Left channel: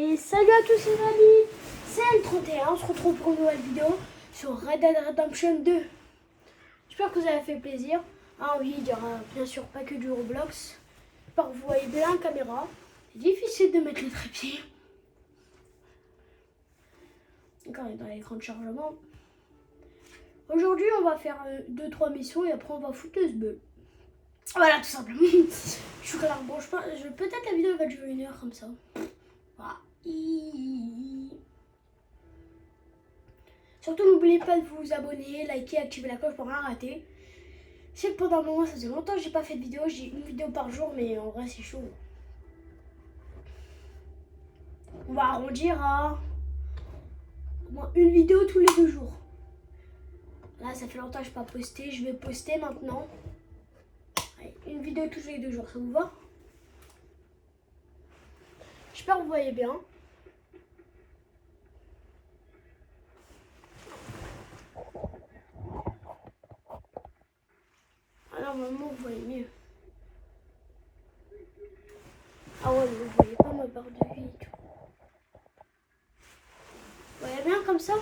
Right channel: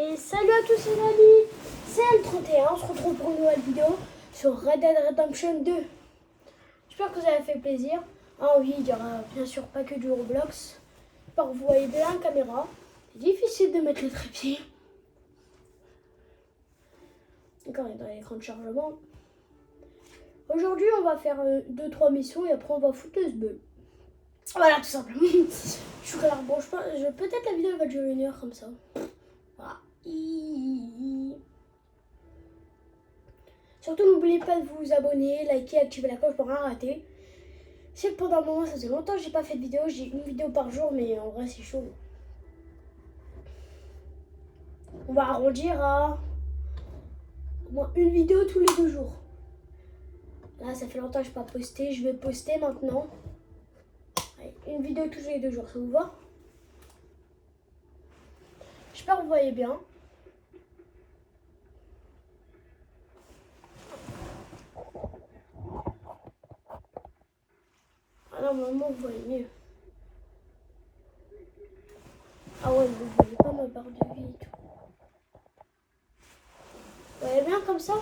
Et salut à tous les amis, c'est M31, on se retrouve pour une nouvelle vidéo sur Red Dead Redemption 2. J'espère que ça vous a fait plaisir. Ah oui, il y aura bien sûr pas que du Roblox. J'espère que vous voyez bien la caméra. C'est difficile de mettre les trépieds. Quand on est dans l'écran de chargement. Aujourd'hui on va faire 2-3 missions et après on va foutre le sbeul. Voilà tout simplement. Je suis clair, bon peut-être la vidéo va durer 1 heure comme ça. Voilà. Surtout n'oubliez pas de vous abonner, liker, activer la cloche pour rien rater. C'est que pendant un moment ça faisait longtemps que j'ai pas fait de vidéo, j'ai une vidéo par jour mais en vrai c'est chaud. On va arrondir à au moins une vidéo tous les 2 jours. Là ça fait longtemps que je n'ai pas posté, je vais poster maintenant. Allez, une vidéo tous les 2 jours, ça vous va? J'espère que vous voyez bien. Alors normalement vous voyez mieux. Ah ouais, vous voyez pas ma barre de vie et tout. Vous voyez bien comme ça?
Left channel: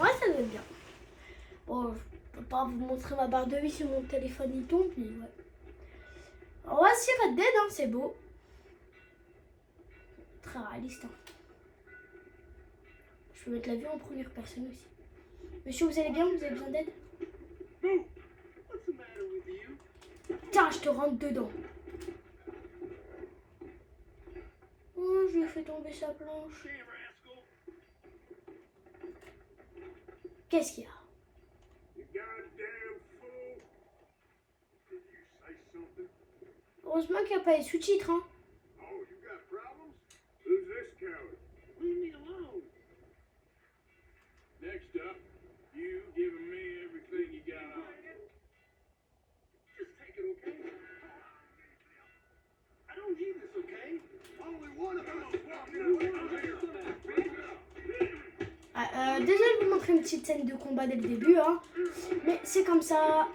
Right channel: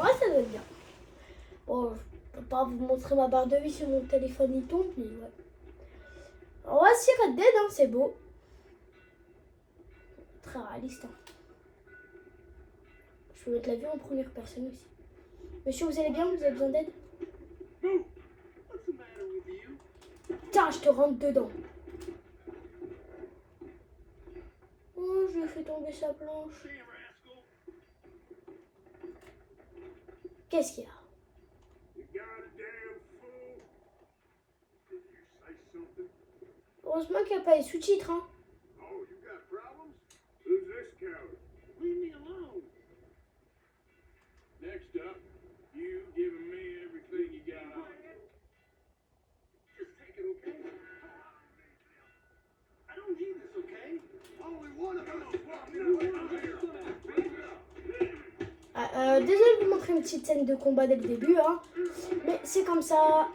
Ouais, ça donne bien. Bon, je peux pas vous montrer ma barre de vie sur mon téléphone, il tombe, mais ouais. Alors voici Red Dead, hein, c'est beau. Très réaliste. Hein. Je peux mettre la vue en première personne aussi. Monsieur, vous allez bien? Vous avez besoin d'aide? Tiens, je te rentre dedans. Oh, je lui ai fait tomber sa planche. Qu'est-ce qu'il y a? Heureusement qu'il n'y a pas les sous-titres, hein. Next up, you giving me everything you got on you. Just take it, okay? I don't need this, okay? Only one of us Désolé de vous montrer une petite scène de combat dès le début, hein. Mais c'est comme ça.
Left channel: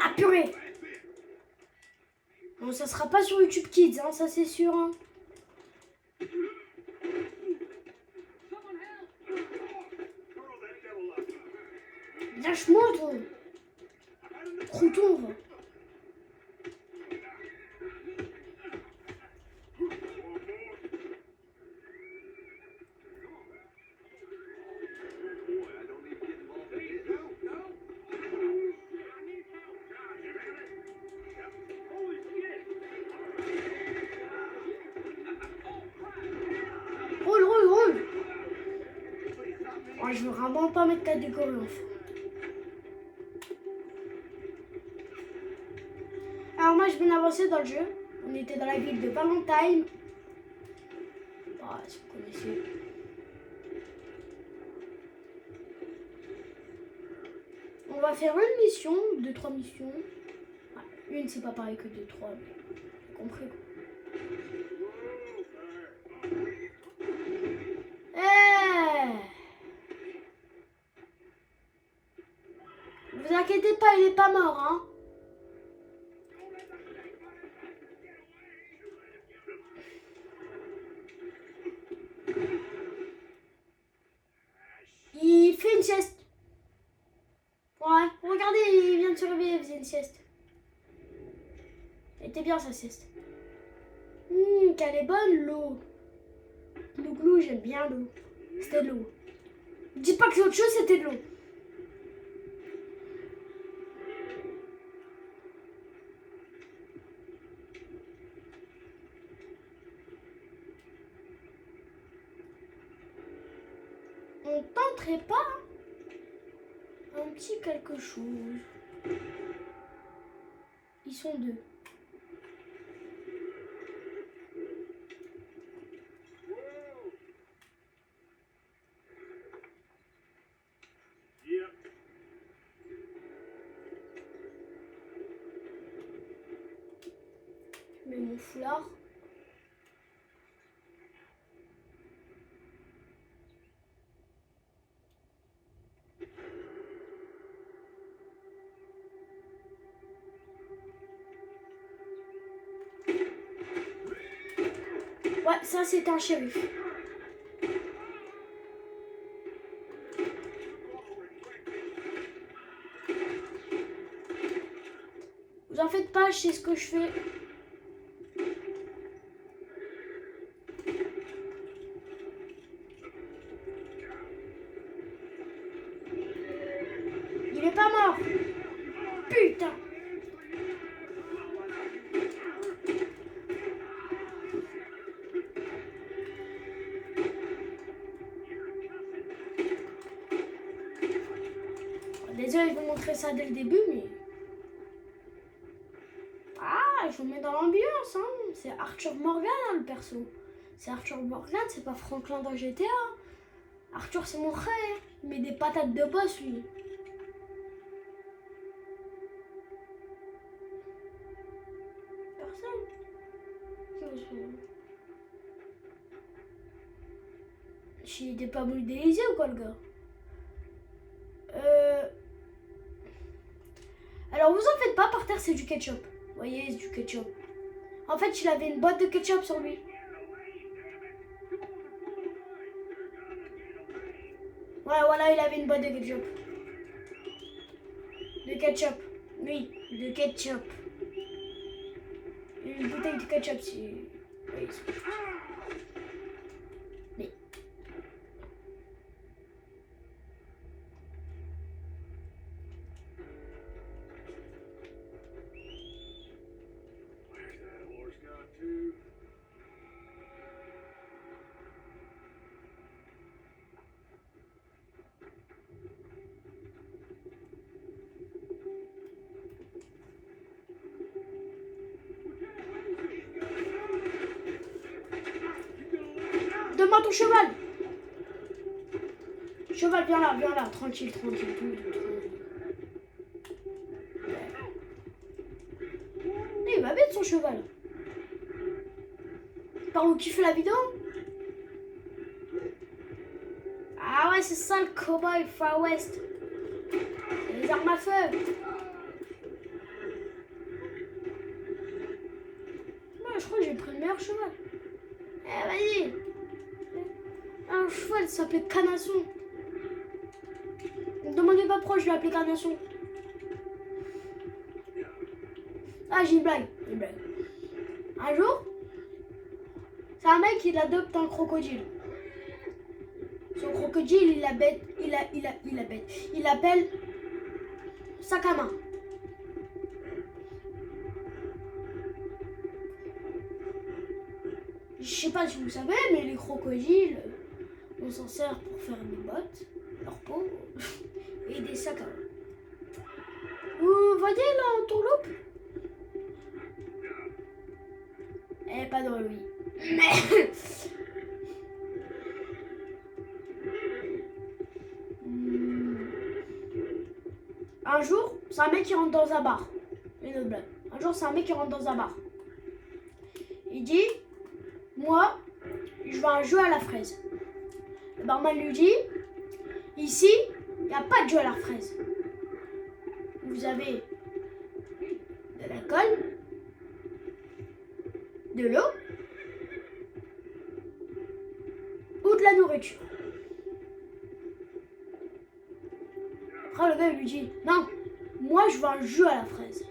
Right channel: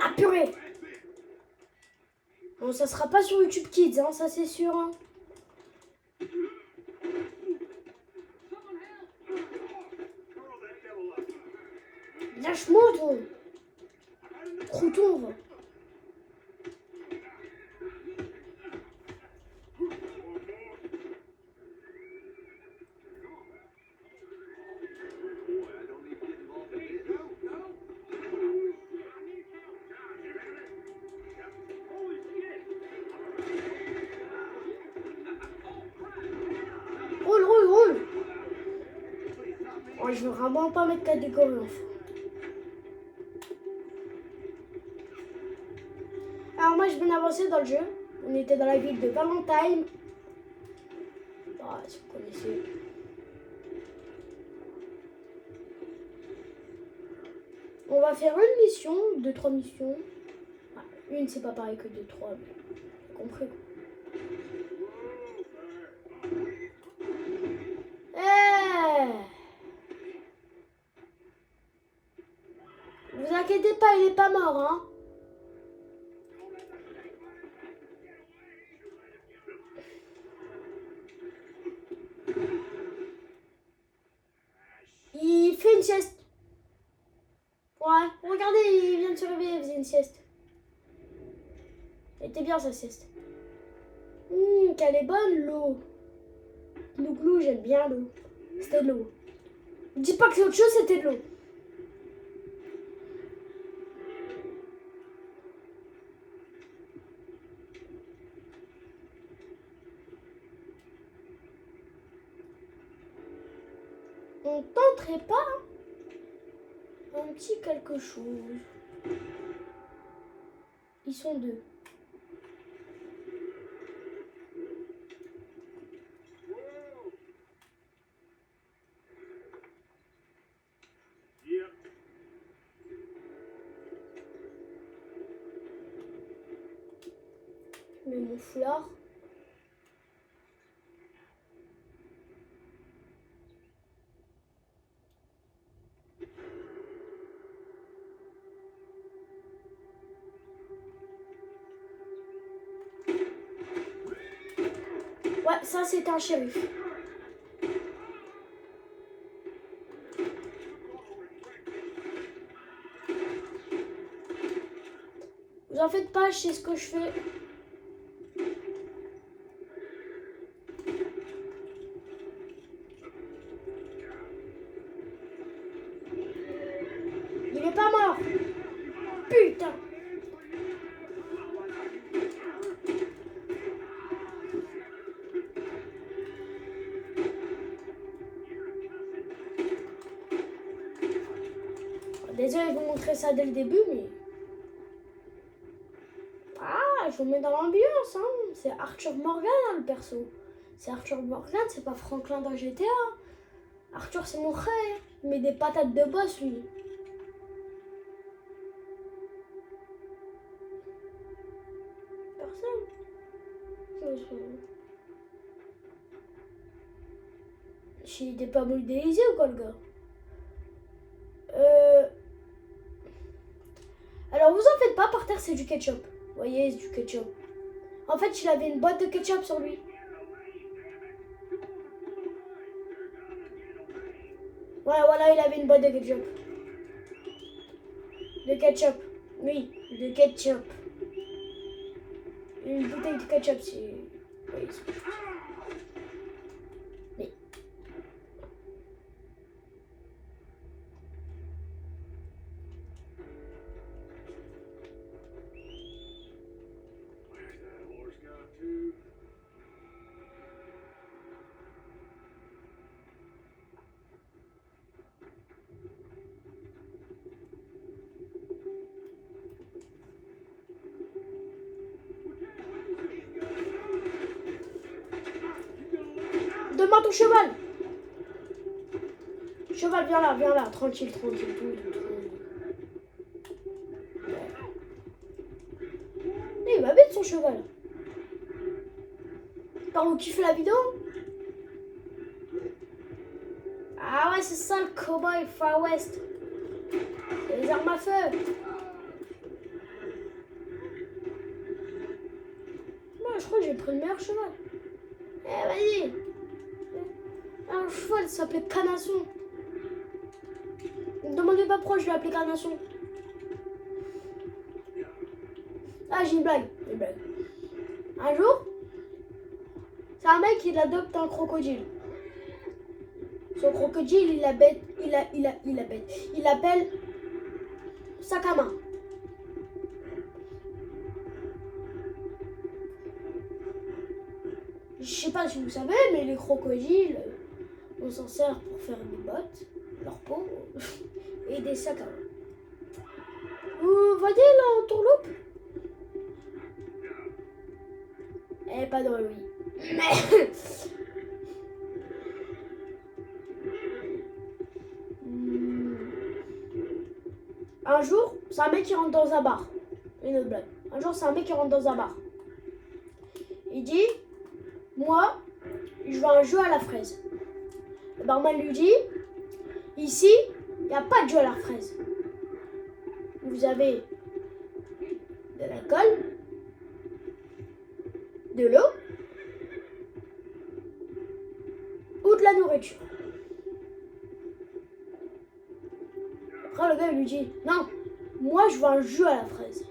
Ah purée! Bon, ça sera pas sur YouTube Kids, hein, ça c'est sûr. Hein. Lâche-moi, toi! Retourne! Roule! Oh, je veux vraiment pas mettre catégorie enfant. Alors moi je viens d'avancer dans le jeu. On était dans la ville de Valentine. Ah, si vous connaissez. On va faire une mission, 2-3 missions. Ah, une c'est pas pareil que 2-3, mais compris. Vous inquiétez pas, il est pas mort, hein. Il fait une sieste. Ouais, regardez, il vient de se réveiller, il faisait une sieste. Elle était bien sa sieste. Qu'elle est bonne l'eau. Glou, j'aime bien l'eau. C'était de l'eau. Dis pas que l'autre chose c'était de l'eau. On tenterait pas un petit quelque chose. Ils sont 2. Je mets mon foulard. ça c'est un shérif. Vous en faites pas, je sais ce que je fais. Il est pas mort. Putain. Désolé de vous montrer ça dès le début, mais... Ah, je vous mets dans l'ambiance, hein. C'est Arthur Morgan, hein, le perso. C'est Arthur Morgan, c'est pas Franklin dans GTA. Arthur, c'est mon frère. Il met des patates de boss, lui. Personne. Il était pas modélisé ou quoi, le gars? Alors, vous en faites pas, par terre, c'est du ketchup. Vous voyez, c'est du ketchup. En fait, il avait une boîte de ketchup sur lui. Voilà, il avait une boîte de ketchup. De ketchup. Oui, de ketchup. Une bouteille de ketchup, c'est... Oui, oui. Where's that horse gone to? Demande ton cheval. Cheval, viens là, tranquille. Il va bête son cheval. Par où kiffe la vidéo? Ah ouais, c'est ça le cowboy Far West. Les armes à feu. Moi, je crois que j'ai pris le meilleur cheval. Eh, vas-y. Un cheval s'appelait Canasson. Ne demandez pas pourquoi je l'ai appelé Canasson. Ah, j'ai une blague. Un jour, c'est un mec qui adopte un crocodile. Son crocodile, il l'appelle sac à main. Je sais pas si vous savez, mais les crocodiles, on s'en sert pour faire des bottes, leur peau et des sacs à main. Vous voyez là en tourloupe? Eh, pas dans lui. Un jour, c'est un mec qui rentre dans un bar. Une autre blague. Un jour, c'est un mec qui rentre dans un bar. Il dit, moi, je veux un jeu à la fraise. Le barman lui dit, ici, il n'y a pas de jeu à la fraise. Vous avez de l'alcool, de l'eau ou de la nourriture. Après, le gars il lui dit, non, moi je veux un jeu à la fraise.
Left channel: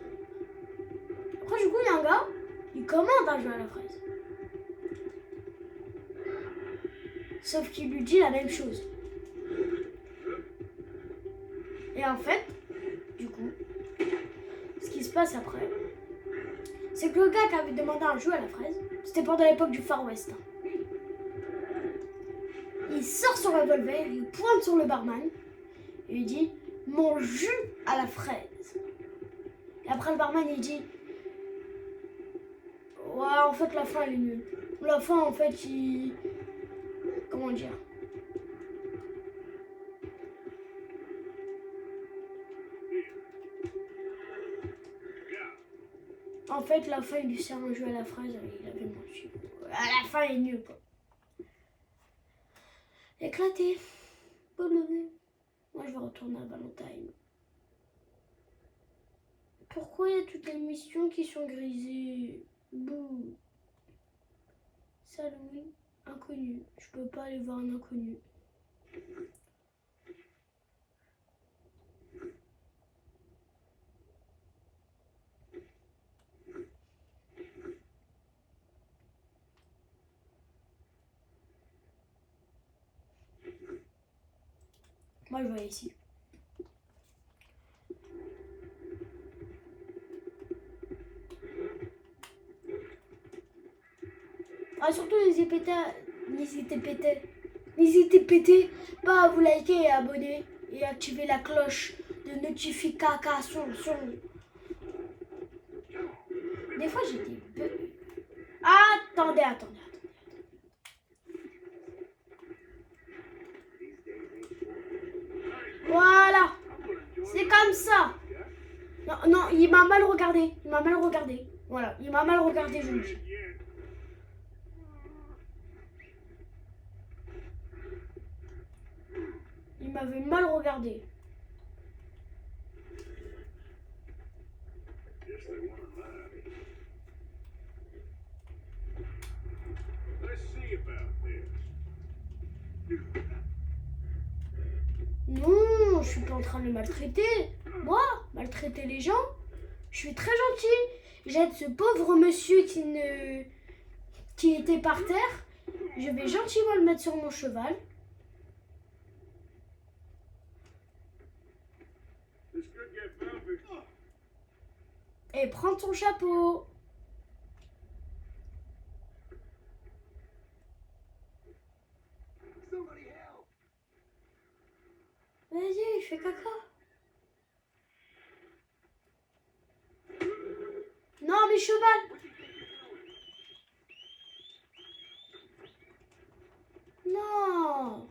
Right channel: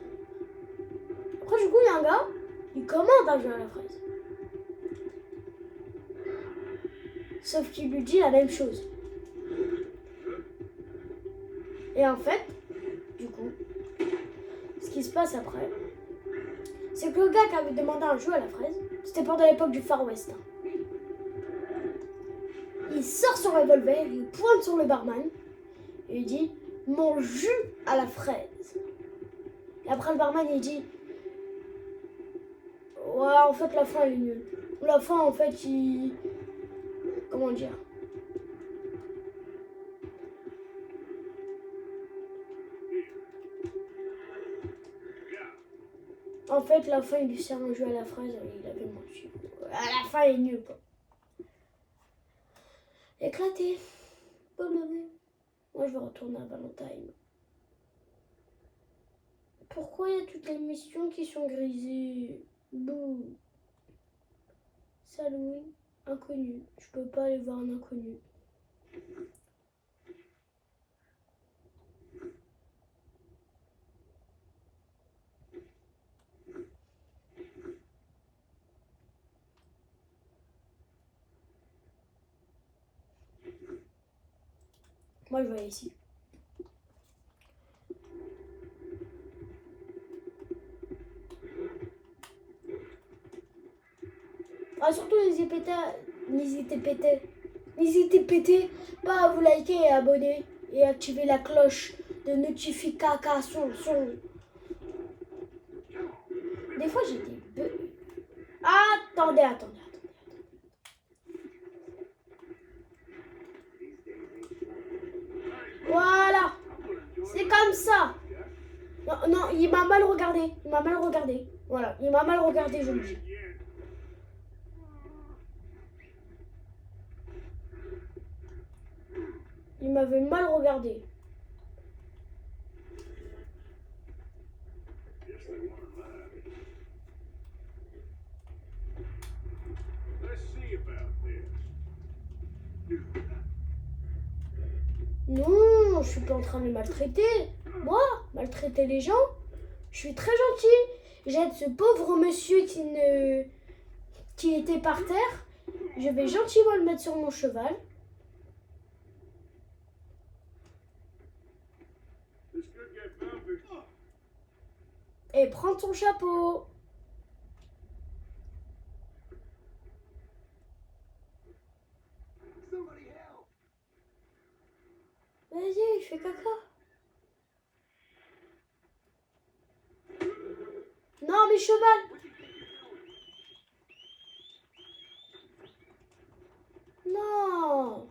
Après, du coup, il y a un gars, il commande un jeu à la fraise. Sauf qu'il lui dit la même chose. Et en fait, du coup, ce qui se passe après, c'est que le gars qui avait demandé un jeu à la fraise, c'était pendant l'époque du Far West. Il sort son revolver, il pointe sur le barman et il dit, mon jus à la fraise. Et après le barman il dit, ouais, en fait la fin elle est nulle. La fin en fait il... Comment dire? En fait la fin il lui sert un jus à la fraise, il avait menti. À la fin elle est nulle quoi. Éclaté. Bonne journée. Moi je vais retourner à Valentine. Pourquoi il y a toutes les missions qui sont grisées? Bouh. Saloon, inconnu. Je peux pas aller voir un inconnu. Moi, je vais ici. Ah, surtout, n'hésitez pas à vous liker et abonner et activer la cloche de notification. Des fois, j'ai des bugs. Attendez. Voilà, c'est comme ça. Non, il m'a mal regardé. Voilà, il m'a mal regardé, je le dis. Il m'avait mal regardé. Non, je suis pas en train de le maltraiter. Moi, maltraiter les gens, je suis très gentil. J'aide ce pauvre monsieur qui était par terre. Je vais gentiment le mettre sur mon cheval. Et prends ton chapeau. Vas-y, fais caca. Non, mais cheval. Non.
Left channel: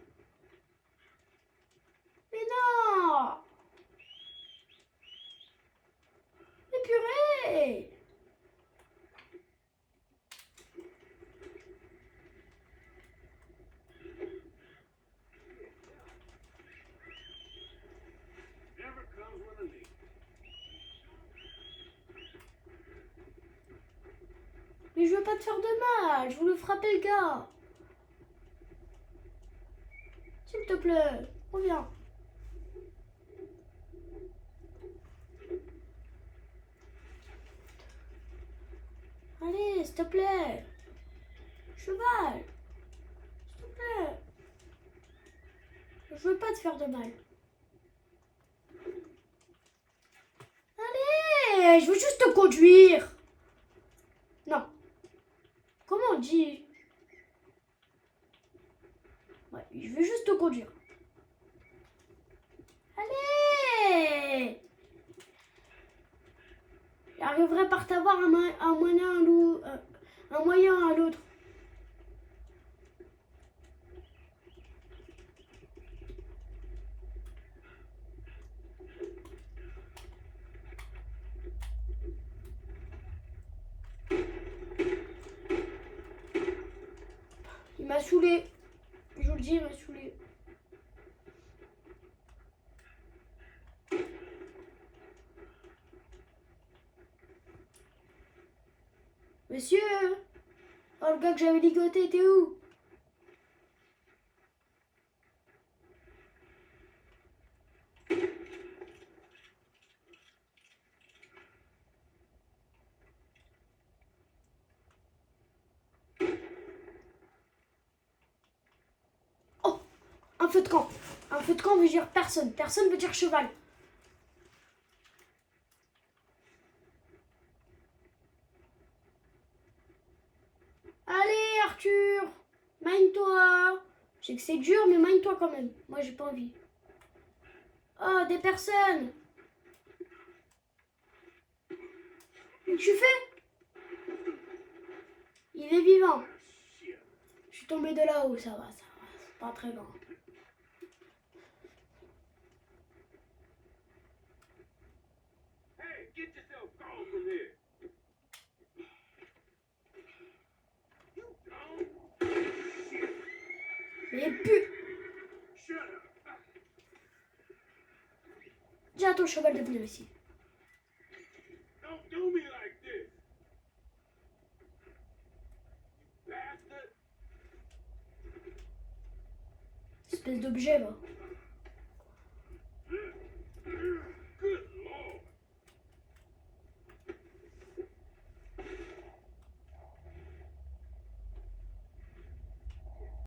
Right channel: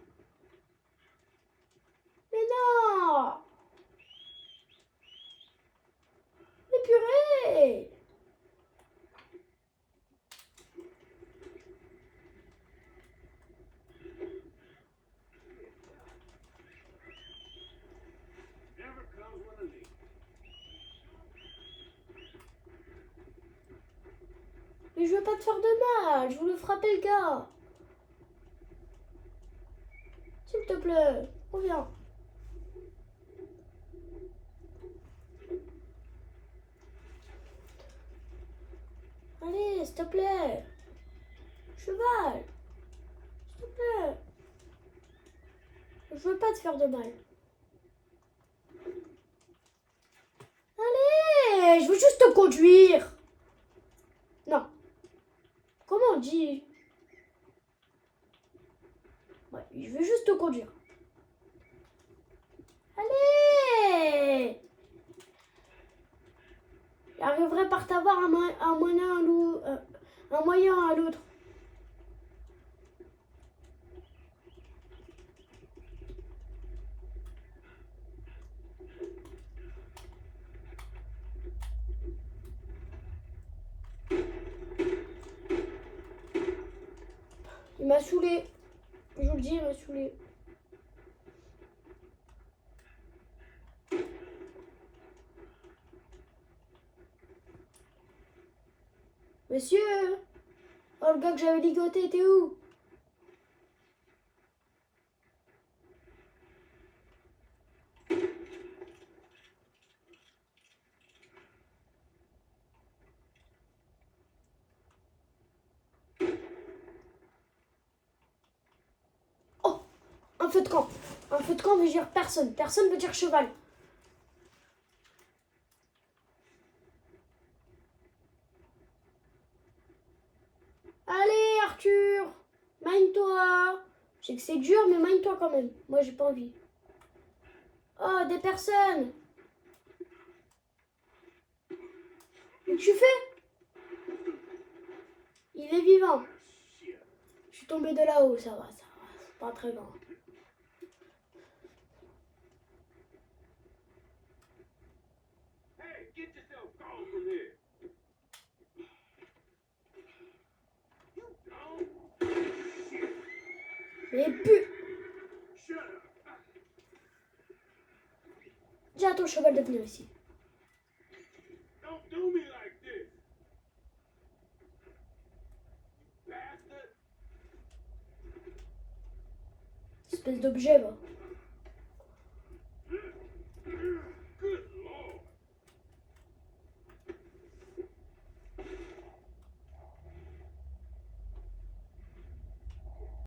Mais non. Mais purée. Mais je veux pas te faire de mal. Je voulais frapper le gars. S'il te plaît, reviens. Allez, s'il te plaît. Cheval. S'il te plaît. Je veux pas te faire de mal. Allez, je veux juste te conduire. Non. Comment on dit? Ouais, je veux juste te conduire. Allez. J'arriverai par t'avoir un moyen à l'autre. Il m'a saoulé. Je vous le dis, il m'a saoulé. Monsieur, oh, le gars que j'avais ligoté, t'es où? Oh, un feu de camp. Un feu de camp veut dire personne. Personne veut dire cheval. Allez, Arthur, mine-toi. Je sais que c'est dur, mais mine-toi quand même. Moi, j'ai pas envie. Oh, des personnes. Qu'est-ce que tu fais? Il est vivant. Je suis tombée de là-haut, ça va. C'est pas très grand. Hey, get yourself gone from here. You gone? Mais pu. Shut up. Dis à ton cheval de venir ici. Don't do me like this. You bastard. espèce d'objet, va.